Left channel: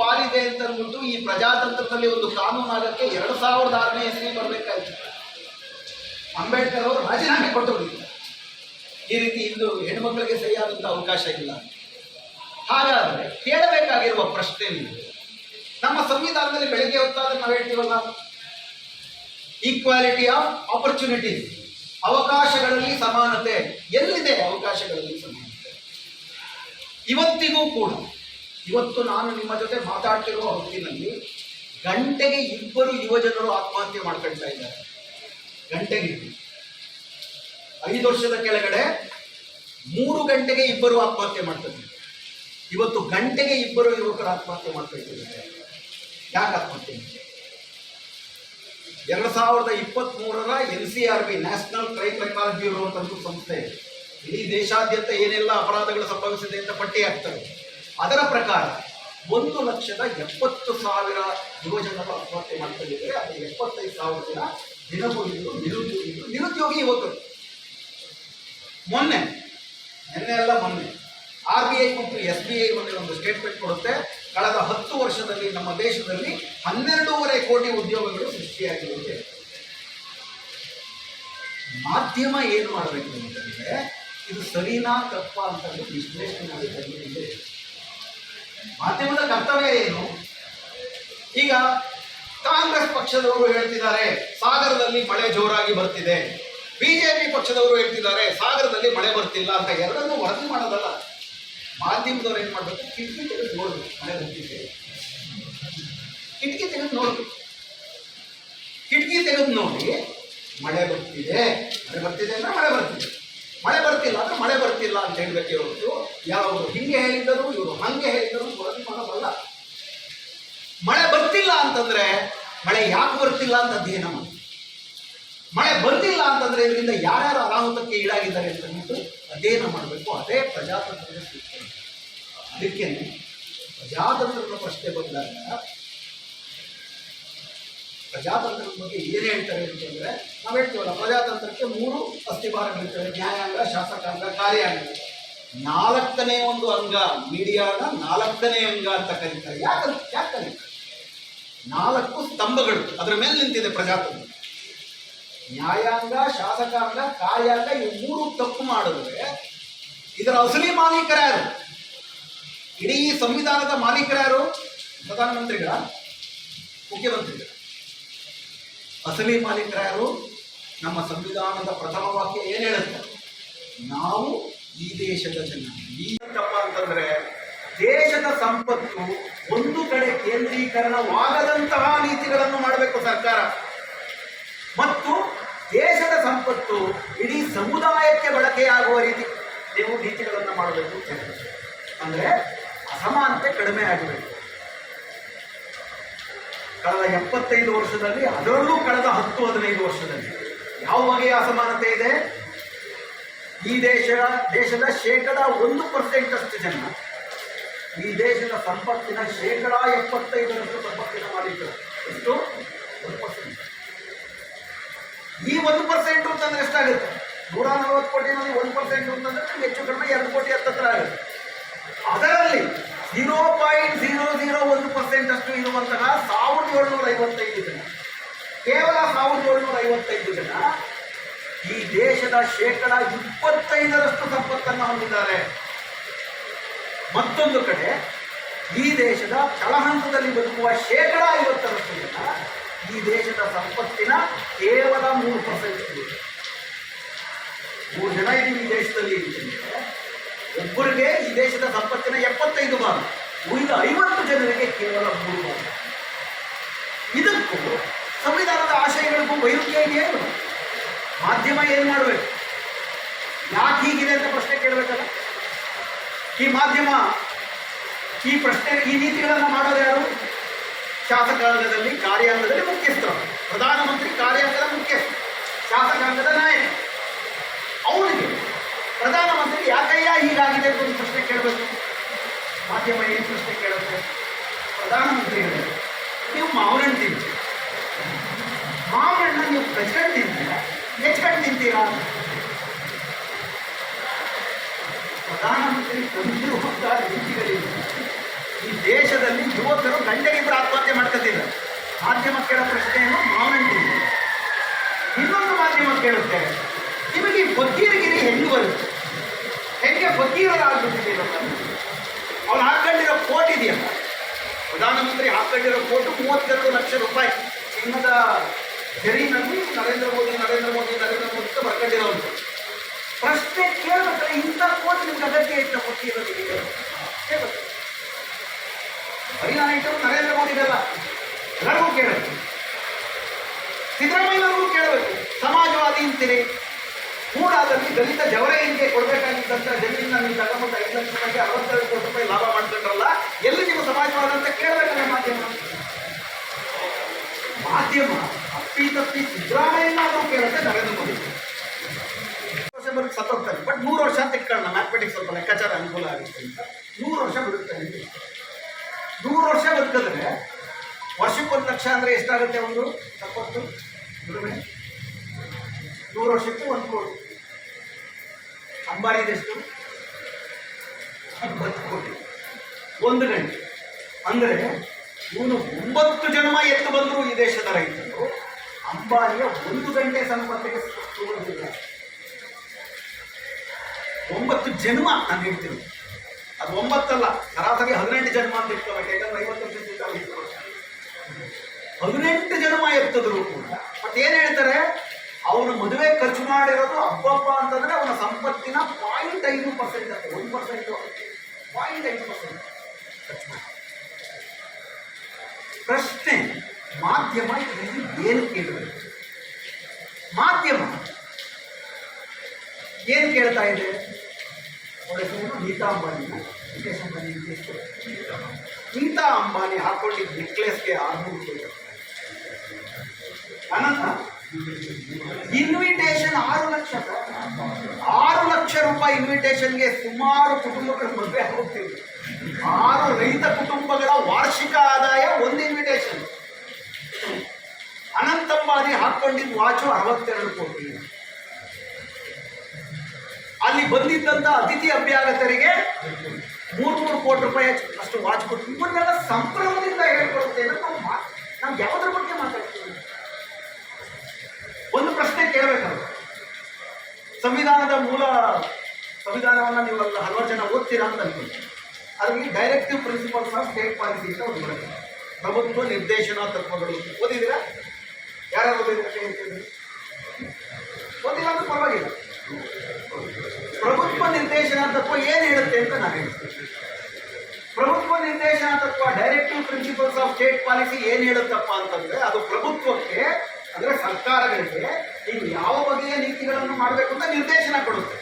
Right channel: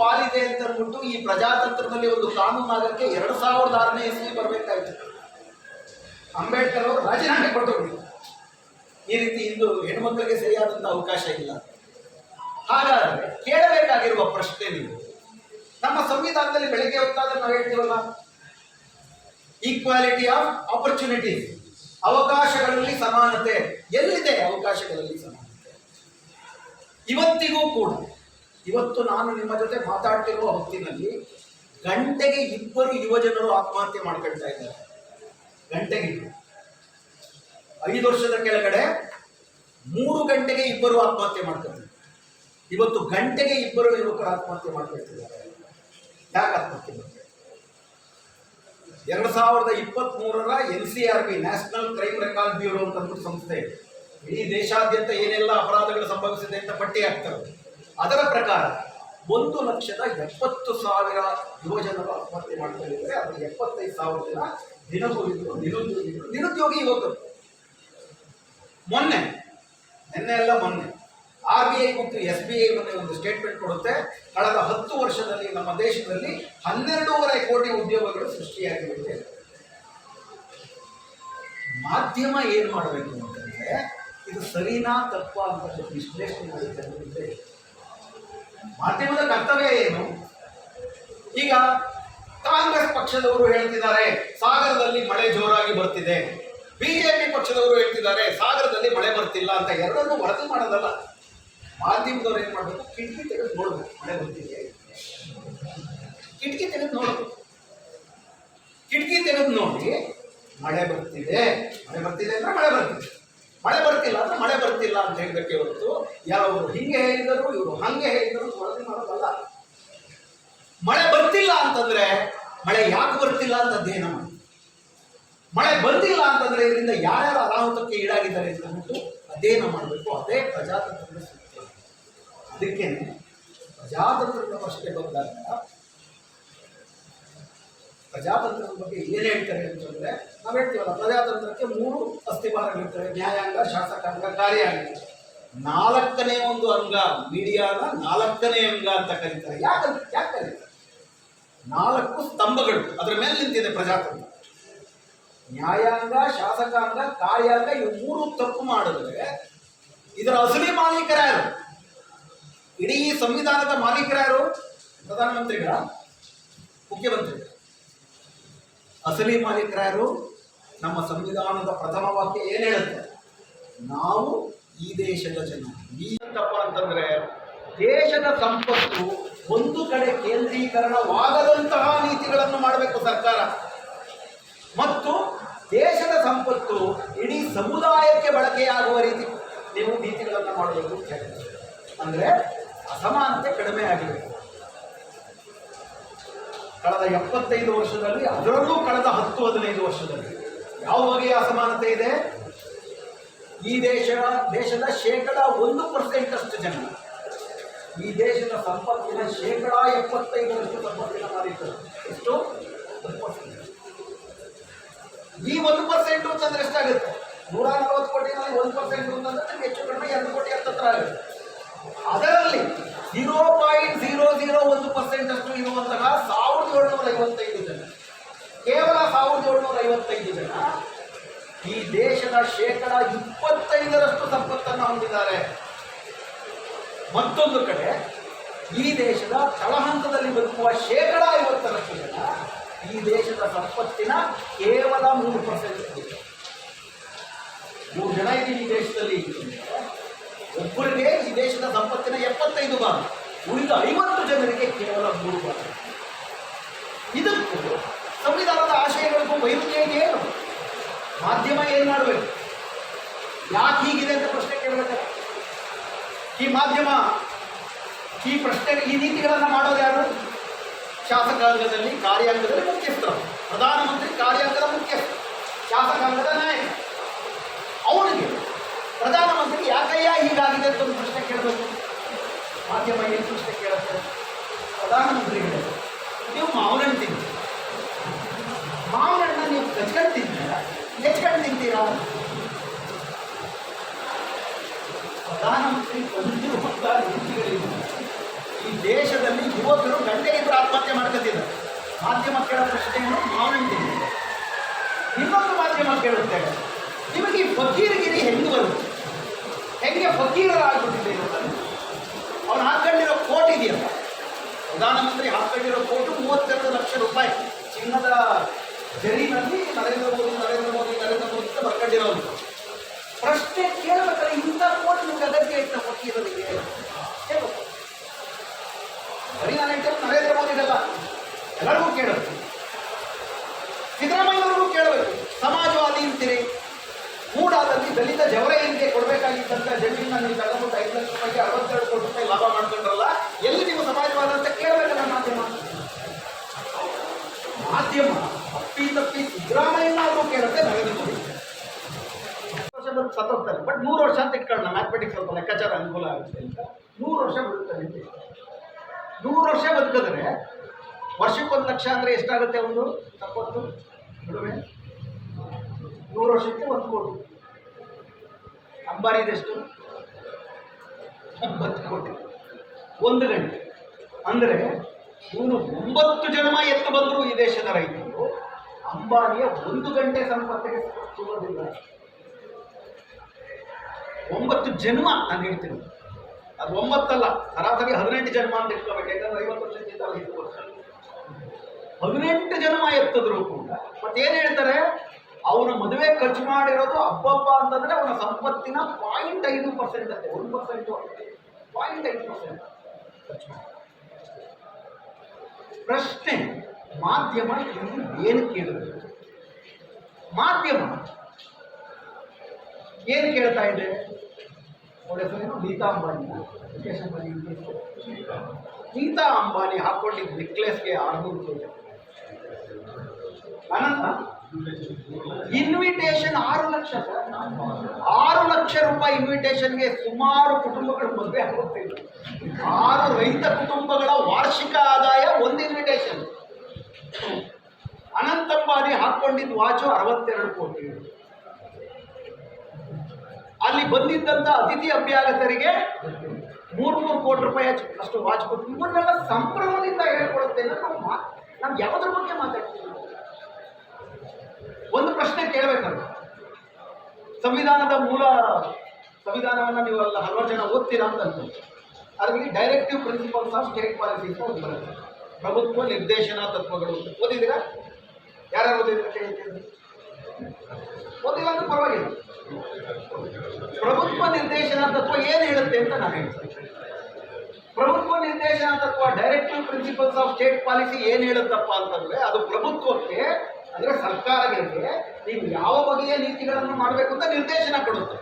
ಪಾಲಿದೆ ಅಂತ ಅಂದ್ಬಿಟ್ಟು ಈ ಪ್ರಜಾತಂತ್ರದಲ್ಲಿ ಒಂದು ಕಾನೂನು ಆಗಕ್ಕೆ ಎರಡು ಸಾವಿರದ ಆರನೇ ಇಸ್ವಿ ಬರಬೇಕಾಯ್ತು. ಅಂಬೇಡ್ಕರ್ ಅವರು ರಾಜೀನಾಮೆ ಕೊಟ್ಟರು ಈ ರೀತಿ ಇಂದು ಹೆಣ್ಮಕ್ಳಿಗೆ ಸರಿಯಾದಂಥ ಅವಕಾಶ ಇಲ್ಲ. ಹಾಗಾದರೆ ಕೇಳಬೇಕಾಗಿರುವ ಪ್ರಶ್ನೆ ನೀವು ನಮ್ಮ ಸಂವಿಧಾನದಲ್ಲಿ ಬೆಳಗ್ಗೆ ಹೊತ್ತಾದ್ರೆ ನಾವು ಹೇಳ್ತೀವಲ್ಲ ಈಕ್ವಾಲಿಟಿ ಆಫ್ ಆಪರ್ಚುನಿಟೀಸ್ ಅವಕಾಶಗಳಲ್ಲಿ ಸಮಾನತೆ. ಎಲ್ಲಿದೆ ಅವಕಾಶಗಳಲ್ಲಿ ಸಮಾನತೆ? ಇವತ್ತಿಗೂ ಕೂಡ. ಇವತ್ತು ನಾನು ನಿಮ್ಮ ಜೊತೆ ಮಾತಾಡ್ತಿರುವ ಹೊತ್ತಿನಲ್ಲಿ ಗಂಟೆಗೆ ಇಬ್ಬರು ಯುವಜನರು ಆತ್ಮಹತ್ಯೆ ಮಾಡ್ಕೊಳ್ತಾ ಇದ್ದಾರೆ. ಗಂಟೆಗೆ. ಐದು ವರ್ಷದ ಕೆಳಗಡೆ ಮೂರು ಗಂಟೆಗೆ ಇಬ್ಬರು ಆತ್ಮಹತ್ಯೆ ಮಾಡ್ತಾರೆ ಇವತ್ತು ಗಂಟೆಗೆ ಇಬ್ಬರು ಯುವಕರು ಆತ್ಮಹತ್ಯೆ ಮಾಡ್ಕೊಳ್ತಿದ್ದಾರೆ. ಯಾಕೆ ಆತ್ಮಹತ್ಯೆ ಎರಡು ಸಾವಿರದ ಇಪ್ಪತ್ತ್ ಮೂರರ N C R B, national crime record bureau ಅಂತ ಸಂಸ್ಥೆ ಇಡೀ ದೇಶಾದ್ಯಂತ ಏನೆಲ್ಲ ಅಪರಾಧಗಳು ಸಂಭವಿಸಿದೆ ಅಂತ ಪಟ್ಟಿ ಹಾಕ್ತಾರೆ. ಅದರ ಪ್ರಕಾರ ಒಂದು ಲಕ್ಷದ ಎಪ್ಪತ್ತು ಸಾವಿರ ಯುವಜನರು ಆತ್ಮಹತ್ಯೆ ಮಾಡ್ಕೊಂಡಿದ್ದಾರೆ. ಅದು ಎಪ್ಪತ್ತೈದು ಸಾವಿರ ಜನ ದಿನಗೂಲಿಗಳು ನಿರುದ್ಯೋಗಿಗಳು ನಿರುದ್ಯೋಗಿ ಯುವಕರು. ಮೊನ್ನೆ, ನಿನ್ನೆ ಎಲ್ಲ ಮೊನ್ನೆ, ಆರ್ ಬಿ ಐ ಮತ್ತು ಎಸ್ ಬಿ ಐ ಮೊನ್ನೆ ಒಂದು ಸ್ಟೇಟ್ಮೆಂಟ್ ಕೊಡುತ್ತೆ. ಕಳೆದ ಹತ್ತು ವರ್ಷದಲ್ಲಿ ನಮ್ಮ ದೇಶದಲ್ಲಿ ಹನ್ನೆರಡೂವರೆ ಕೋಟಿ ಉದ್ಯೋಗಗಳು ಸೃಷ್ಟಿಯಾಗಿರುತ್ತೆ ಮಾಧ್ಯಮ ಏನು ಮಾಡಬೇಕು ಅಂತಂದರೆ, ಇದು ಸರಿನಾ ತಪ್ಪ ಅಂತ ವಿಶ್ಲೇಷಣೆ ಮಾಡಿ ಮಾಧ್ಯಮದ ಕರ್ತವ್ಯ ಏನು? ಈಗ ಕಾಂಗ್ರೆಸ್ ಪಕ್ಷದವರು ಹೇಳ್ತಿದ್ದಾರೆ, ಸಾಗರದಲ್ಲಿ ಮಳೆ ಜೋರಾಗಿ ಬರ್ತಿದೆ. ಬಿಜೆಪಿ ಪಕ್ಷದವರು ಹೇಳ್ತಿದ್ದಾರೆ, ಸಾಗರದಲ್ಲಿ ಮಳೆ ಬರ್ತಿಲ್ಲ ಅಂತ ಎರಡನ್ನೂ ವರದಿ ಮಾಡೋದಲ್ಲ. ಮಾಧ್ಯಮದವ್ರು ಏನ್ ಮಾಡಬೇಕು? ಕಿಟಕಿ ತೆಗೆದು ನೋಡಬೇಕು, ಮಳೆ ಬರ್ತಿದೆ. ಕಿಟಕಿ ತೆಗೆದು ನೋಡಿ ಕಿಟಕಿ ತೆಗೆದು ನೋಡಿ, ಮಳೆ ಬರ್ತಿದೆ. ಮಳೆ ಬರ್ತಿದೆ ಅಂದ್ರೆ ಮಳೆ ಬರ್ತಿದೆ. ಮಳೆ ಬರ್ತಿಲ್ಲ ಅಂದ್ರೆ ಮಳೆ ಬರ್ತಿಲ್ಲ ಅಂತ ಹೇಳ್ಬೇಕು ಹೊರತು. ಯಾವ್ದು ಹಿಂಗೆ ಹೇಳಿದರು ಇವರು, ಹಂಗೆ ಹೇಳಿದರು ವರದಿ ಮಾಡೋದಲ್ಲ ಮಳೆ ಬರ್ತಿಲ್ಲ ಅಂತಂದ್ರೆ, ಮಳೆ ಯಾಕೆ ಬರ್ತಿಲ್ಲ ಅಂತ ಅಧ್ಯಯನ ಮಾಡಿ. ಮಳೆ ಬಂದಿಲ್ಲ ಅಂತಂದ್ರೆ ಇದರಿಂದ ಯಾರ್ಯಾರು ಅನಾಹುತಕ್ಕೆ ಈಡಾಗಿದ್ದಾರೆ ಅಂತ ಅಂದ್ಬಿಟ್ಟು ಅಧ್ಯಯನ ಮಾಡಬೇಕು. ಅದೇ ಪ್ರಜಾತಂತ್ರದ ಅದಕ್ಕೆ ಪ್ರಜಾತಂತ್ರದ ಪ್ರಶ್ನೆ ಬಂದಾಗ ಪ್ರಜಾತಂತ್ರದ ಬಗ್ಗೆ ಏನು ಹೇಳ್ತಾರೆ ಅಂತಂದರೆ ನಾವು ಹೇಳ್ತೀವಲ್ಲ, ಪ್ರಜಾತಂತ್ರಕ್ಕೆ ಮೂರು ಅಸ್ಥಿಭಾರಗಳಿರ್ತವೆ ನ್ಯಾಯಾಂಗ, ಶಾಸಕಾಂಗ, ಕಾರ್ಯಾಂಗ. ನಾಲ್ಕನೇ ಒಂದು ಅಂಗ ಮೀಡಿಯಾದ ನಾಲ್ಕನೇ ಅಂಗ ಅಂತ ಕರೀತಾರೆ. ಯಾಕೆ ಯಾಕೆ ಕರೀತಾರೆ? ನಾಲ್ಕು ಸ್ತಂಭಗಳು, ಅದರ ಮೇಲೆ ನಿಂತಿದೆ ಪ್ರಜಾತಂತ್ರ. ನ್ಯಾಯಾಂಗ, ಶಾಸಕಾಂಗ, ಕಾರ್ಯಾಂಗ ಈ ಮೂರು ತಪ್ಪು ಮಾಡಿದ್ರೆ ಇದರ ಅಸಲಿ ಮಾಲೀಕರ್ಯಾರು ಇಡೀ ಸಂವಿಧಾನದ ಮಾಲೀಕರ್ಯಾರು ಪ್ರಧಾನಮಂತ್ರಿಗಳ ಮುಖ್ಯಮಂತ್ರಿಗಳು. ಅಸಲಿ ಮಾಲೀಕರಾರು ನಮ್ಮ ಸಂವಿಧಾನದ ಪ್ರಥಮ ವಾಕ್ಯ ಏನು ಹೇಳುತ್ತೆ? ನಾವು ಈ ದೇಶದ ಜನ. ಈ ತಪ್ಪ ಅಂತಂದ್ರೆ ದೇಶದ ಸಂಪತ್ತು ಒಂದು ಕಡೆ ಕೇಂದ್ರೀಕರಣವಾಗದಂತಹ ನೀತಿಗಳನ್ನು ಮಾಡಬೇಕು ಸರ್ಕಾರ. ಮತ್ತು ದೇಶದ ಸಂಪತ್ತು ಇಡೀ ಸಮುದಾಯಕ್ಕೆ ಬಳಕೆಯಾಗುವ ರೀತಿ ನೀವು ನೀತಿಗಳನ್ನು ಮಾಡಬೇಕು. ಅಂದ್ರೆ ಅಸಮಾನತೆ ಕಡಿಮೆ ಆಗಬೇಕು ಕಳೆದ ಎಪ್ಪತ್ತೈದು ವರ್ಷದಲ್ಲಿ, ಅದರಲ್ಲೂ ಕಳೆದ ಹತ್ತು, ಹದಿನೈದು ವರ್ಷದಲ್ಲಿ ಯಾವ ಬಗೆಯ ಅಸಮಾನತೆ ಇದೆ? ಈ ದೇಶದ ದೇಶದ ಶೇಕಡ ಒಂದು ಪರ್ಸೆಂಟ್ ಅಷ್ಟು ಜನ ಈ ದೇಶದ ಸಂಪತ್ತಿನ ಶೇಕಡ ಎಪ್ಪತ್ತೈದರಷ್ಟು ಸಂಪತ್ತಿನ ಮಾಲೀಕರು. ಎಷ್ಟು? ಒಂದು ಪರ್ಸೆಂಟ್ ಈ ಒಂದು ಪರ್ಸೆಂಟ್ ಅಂತಂದ್ರೆ ಎಷ್ಟಾಗುತ್ತೆ? ನೂರ ನಲವತ್ತು ಕೋಟಿನಲ್ಲಿ ಒಂದು ಪರ್ಸೆಂಟ್ ಅಂತಂದ್ರೆ ಹೆಚ್ಚು ಕಡಿಮೆ ಎರಡು ಕೋಟಿ ಹತ್ತತ್ರ ಆಗುತ್ತೆ. ಅದರಲ್ಲಿ ಜೀರೋ ಪಾಯಿಂಟ್ ಜೀರೋ ಜೀರೋ ಒಂದು ಪರ್ಸೆಂಟ್ ಅಷ್ಟು ಇರುವಂತಹ ಸಾವಿರದ ಏಳ್ನೂರ ಐವತ್ತೈದು ಜನ. ಕೇವಲ ಸಾವಿರದ ಏಳ್ನೂರ ಐವತ್ತೈದು ಜನ ಈ ದೇಶದ ಶೇಕಡ ಇಪ್ಪತ್ತೈದರಷ್ಟು ಸಂಪತ್ತನ್ನು ಹೊಂದಿದ್ದಾರೆ. ಮತ್ತೊಂದು ಕಡೆ ಈ ದೇಶದ ತಳಹಂತದಲ್ಲಿ ಬದುಕುವ ಶೇಕಡ ಐವತ್ತರಷ್ಟು ಜನ ಈ ದೇಶದ ಸಂಪತ್ತಿನ ಕೇವಲ ಮೂರು ಪರ್ಸೆಂಟ್ ಮೂರು ಜನ ಈ ದೇಶದಲ್ಲಿ ಅಂತಂದ್ರೆ ಒಬ್ಬರಿಗೆ ಈ ದೇಶದ ಸಂಪತ್ತಿನ ಎಪ್ಪತ್ತೈದು ಭಾಗ, ಉಳಿದ ಐವತ್ತು ಜನರಿಗೆ ಕೇವಲ ಮೂರು ಭಾಗ. ಇದಕ್ಕೂ ಸಂವಿಧಾನದ ಆಶಯಗಳಿಗೂ ವೈರುಧ್ಯ ಇದೆಯೇನು ಮಾಧ್ಯಮ ಏನು ಮಾಡಬೇಕು? ಯಾಕೆ ಹೀಗಿದೆ ಅಂತ ಪ್ರಶ್ನೆ ಕೇಳಬೇಕಲ್ಲ? ಈ ಮಾಧ್ಯಮ, ಈ ಪ್ರಶ್ನೆ, ಈ ನೀತಿಗಳನ್ನು ಮಾಡೋದು ಯಾರು? ಶಾಸಕಾಂಗದಲ್ಲಿ ಕಾರ್ಯಾಂಗದಲ್ಲಿ ಮುಖ್ಯಸ್ಥರು. ಪ್ರಧಾನಮಂತ್ರಿ ಕಾರ್ಯಾಂಗದ ಮುಖ್ಯಸ್ಥ ಶಾಸಕಾಂಗದ ನಾಯಕ ಅವನಿಗೆ ಪ್ರಧಾನಮಂತ್ರಿ ಯಾಕಯ್ಯ ಹೀಗಾಗಿದೆ ಅಂತ ಒಂದು ಪ್ರಶ್ನೆ ಕೇಳಬೇಕು. ಮಾಧ್ಯಮ ಏನು ಪ್ರಶ್ನೆ ಕೇಳುತ್ತೆ? ಪ್ರಧಾನಮಂತ್ರಿಗಳೇ, ನೀವು ಮಾವಿನ ಹಣ್ಣು ತಿಂತೀರಿ ಮಾವಿನ ಹಣ್ಣನ್ನು ನೀವು ಕಚ್ಕೊಂಡು ತಿಂತೀರಾ ನೆಚ್ಕೊಂಡು ತಿಂತೀರಾ? ಪ್ರಧಾನಮಂತ್ರಿ ತಂದಿರುವಂತಹ ನೀತಿಗಳಿಂದ ಈ ದೇಶದಲ್ಲಿ ಯುವಕರು ಗಂಡರಿಬ್ಬರು ಆತ್ಮಹತ್ಯೆ ಮಾಡ್ಕೊತಿದ್ದಾರೆ ಮಾಧ್ಯಮ ಕೇಳೋ ಪ್ರಶ್ನೆಯನ್ನು ತಿಂತೀವಿ ಇನ್ನೊಂದು ಮಾಧ್ಯಮ ಕೇಳುತ್ತೇವೆ ನಿಮಗೆ ಫಕೀರಗಿರಿ ಹೆಂಗೆ ಬರುತ್ತೆ. ಹೆಂಗೆ ಫಕೀರರಾಗ್ಬಿಟ್ಟಿದೆ ಅವನು ಅವ್ನು ಹಾಕೊಂಡಿರೋ ಕೋಟ್ ಇದೆಯಲ್ಲ ಪ್ರಧಾನಮಂತ್ರಿ ಹಾಕೊಂಡಿರೋ ಕೋಟು ಮೂವತ್ತೆರಡು ಲಕ್ಷ ರೂಪಾಯಿ. ಚಿನ್ನದ ಜರಿನಲ್ಲಿ ನರೇಂದ್ರ ಮೋದಿ ನರೇಂದ್ರ ಮೋದಿ ನರೇಂದ್ರ ಮೋದಿ ಅಂತ ಬರ್ಕೊಂಡಿರೋದು ಪ್ರಶ್ನೆ ಕೇಳಬೇಕಲ್ಲ ಇಂಥ ಕೋಟ್ ನಿಮ್ಗೆ ಅಗತ್ಯ ಇಟ್ಟ ಫಕೀರರಿಗೆ ಕೇಳ್ಬೇಕು. ಬರೀ ನಾನು ಇಟ್ಟರು ನರೇಂದ್ರ ಮೋದಿಗೆಲ್ಲ ಎಲ್ಲರಿಗೂ ಕೇಳಬೇಕು. ಸಿದ್ದರಾಮಯ್ಯನವ್ರಿಗೂ ಕೇಳಬೇಕು. ಸಮಾಜವಾದಿ ಅಂತೀರಿ ಮೂಡಾದಲ್ಲಿ ದಲಿತ ಜವರೈನಿಗೆ ಕೊಡಬೇಕಾಗಿದ್ದಂಥ ಜಮೀನನ್ನ ನೀವು ತಗೊಂಡು ಐದು ಲಕ್ಷ ರೂಪಾಯಿ ಅರವತ್ತೆರಡು ಕೋಟಿ ರೂಪಾಯಿ ಲಾಭ ಮಾಡ್ಕೊಂಡ್ರಲ್ಲ ಎಲ್ಲಿ ನೀವು ಸಮಾಜವಾದ ಅಂತ ಕೇಳಬೇಕಲ್ಲ ಮಾಧ್ಯಮ? ಮಾಧ್ಯಮ ಅಪ್ಪಿ ತಪ್ಪಿ ಸಿದ್ದರಾಮಯ್ಯನಾದ್ರೂ ಕೇಳುತ್ತೆ ನಗದು ವರ್ಷ ಸತ್ತೋಗ್ತಾರೆ ಬಟ್ ನೂರು ವರ್ಷ ಅಂತ ಇಟ್ಕೊಳ್ಳೋಣ ಮ್ಯಾಥಮೆಟಿಕ್ಸ್ ಸ್ವಲ್ಪ ಲೆಕ್ಕಾಚಾರ ಅನುಕೂಲ ಆಗುತ್ತೆ ಅಂತ. ನೂರು ವರ್ಷ ಬಿಡುತ್ತೆ ನೂರು ವರ್ಷ ಬದುಕಿದ್ರೆ ವರ್ಷಕ್ಕೊಂದು ಲಕ್ಷ ಅಂದರೆ ಎಷ್ಟಾಗುತ್ತೆ ಒಂದು? ತಪ್ಪತ್ತು ನೂರು ವರ್ಷಕ್ಕೆ ಒಂದು ಕೋಟಿ. ಅಂಬಾರಿದೆಷ್ಟು ಒಂಬತ್ತು ಕೋಟಿ. ಒಂದು ಗಂಟೆ. ಅಂದರೆ ಇವನು ಒಂಬತ್ತು ಜನ್ಮ ಎತ್ತು ಬಂದರು ಈ ದೇಶದ ರೈತರು. ಅಂಬಾನಿಯ ಒಂದು ಗಂಟೆ ಸಂಪತ್ತಿಗೆ ತಗೊಳ್ಳೋದಿಲ್ಲ ಒಂಬತ್ತು ಜನ್ಮ ನಾನು ಹೇಳ್ತೀನಿ. ಅದು ಒಂಬತ್ತಲ್ಲ, ಸರಾಸರಿ ಹದಿನೆಂಟು ಜನ್ಮ ಅಂತ ಇಟ್ಕೋಬೇಕು ಯಾಕಂದ್ರೆ ಐವತ್ತು ವರ್ಷ ಹದಿನೆಂಟು ಜನ್ಮ ಎತ್ತಿದ್ರು ಕೂಡ. ಮತ್ತೇನು ಹೇಳ್ತಾರೆ? ಅವನು ಮದುವೆ ಖರ್ಚು ಮಾಡಿರೋದು ಅಬ್ಬಪ್ಪ ಅಂತಂದ್ರೆ ಅವನ ಸಂಪತ್ತಿನ ಪಾಯಿಂಟ್ ಐದು ಪರ್ಸೆಂಟ್ ಒಂದು ಪರ್ಸೆಂಟ್ ಪಾಯಿಂಟ್ ಐದು ಪರ್ಸೆಂಟ್ ಪ್ರಶ್ನೆ, ಮಾಧ್ಯಮ ಇಲ್ಲಿ ಏನು ಕೇಳಬೇಕು? ಮಾಧ್ಯಮ ಏನು ಕೇಳ್ತಾ ಇದೆ? ಹೆಸರು ನೀತಾ ಅಂಬಾನಿ ಮುಖೇಶ್ ಅಂಬಾನಿ. ನೀತಾ ಅಂಬಾನಿ ಹಾಕೊಂಡಿದ್ದ ನೆಕ್ಲೆಸ್ಗೆ ಆರ್ನೂರು ಅನಂತ ಇನ್ವಿಟೇಷನ್ ಆರು ಲಕ್ಷ. ಆರು ಲಕ್ಷ ರೂಪಾಯಿ ಇನ್ವಿಟೇಷನ್ಗೆ ಸುಮಾರು ಕುಟುಂಬಗಳು ಮದುವೆ ಹೋಗ್ತಿದ್ರು ಆರು ರೈತ ಕುಟುಂಬಗಳ ವಾರ್ಷಿಕ ಆದಾಯ ಒಂದು ಇನ್ವಿಟೇಷನ್ ಅನಂತಂಬಾದಿ ಹಾಕೊಂಡಿದ್ದ ವಾಚು ಅರವತ್ತೆರಡು ಕೋಟಿ. ಅಲ್ಲಿ ಬಂದಿದ್ದಂಥ ಅತಿಥಿ ಅಭ್ಯಾಗತರಿಗೆ ಮೂರು ಮೂರು ಕೋಟಿ ರೂಪಾಯಿ ಅಷ್ಟು ವಾಚ್ ಕೊಟ್ಟು. ಇವನ್ನೆಲ್ಲ ಸಂಭ್ರಮದಿಂದ ಹೇಳ್ಕೊಡುತ್ತೆ ನಾವು ಯಾವುದ್ರ ಬಗ್ಗೆ ಮಾತಾಡ್ತೀವಿ? ಒಂದು ಪ್ರಶ್ನೆ ಕೇಳಬೇಕಲ್ಲ ಸಂವಿಧಾನದ ಮೂಲ ಸಂವಿಧಾನವನ್ನು ನೀವು ಅಲ್ಲ ಹಲವಾರು ಜನ ಓದ್ತೀರಾ ಅಂತ ಅನ್ಕೊಂಡೆ. ಅದರಲ್ಲಿ directive principles of state policy ಅಂತ ಒಂದು ಬರುತ್ತೆ. ಪ್ರಭುತ್ವ, ನಿರ್ದೇಶನ, ತತ್ವಗಳು. ಓದಿದ್ದೀರಾ? ಯಾರ್ಯಾರು ಓದಿದ್ರೆ ಓದಿಲ್ಲ ಅಂದ್ರೆ ಪರವಾಗಿಲ್ಲ. ಪ್ರಭುತ್ವ, ನಿರ್ದೇಶನ, ತತ್ವ ಏನು ಹೇಳುತ್ತೆ ಅಂತ ನಾನು ಹೇಳ್ತೀನಿ. ಪ್ರಭುತ್ವ, ನಿರ್ದೇಶನ, ತತ್ವ directive principles of state policy ಏನು ಹೇಳುತ್ತಪ್ಪ ಅಂತಂದ್ರೆ ಅದು ಪ್ರಭುತ್ವಕ್ಕೆ ಅಂದ್ರೆ ಸರ್ಕಾರಗಳಿಗೆ ನೀವು ಯಾವ ಬಗೆಯ ನೀತಿಗಳನ್ನು ಮಾಡಬೇಕು ಅಂತ ನಿರ್ದೇಶನ ಕೊಡುತ್ತೆ.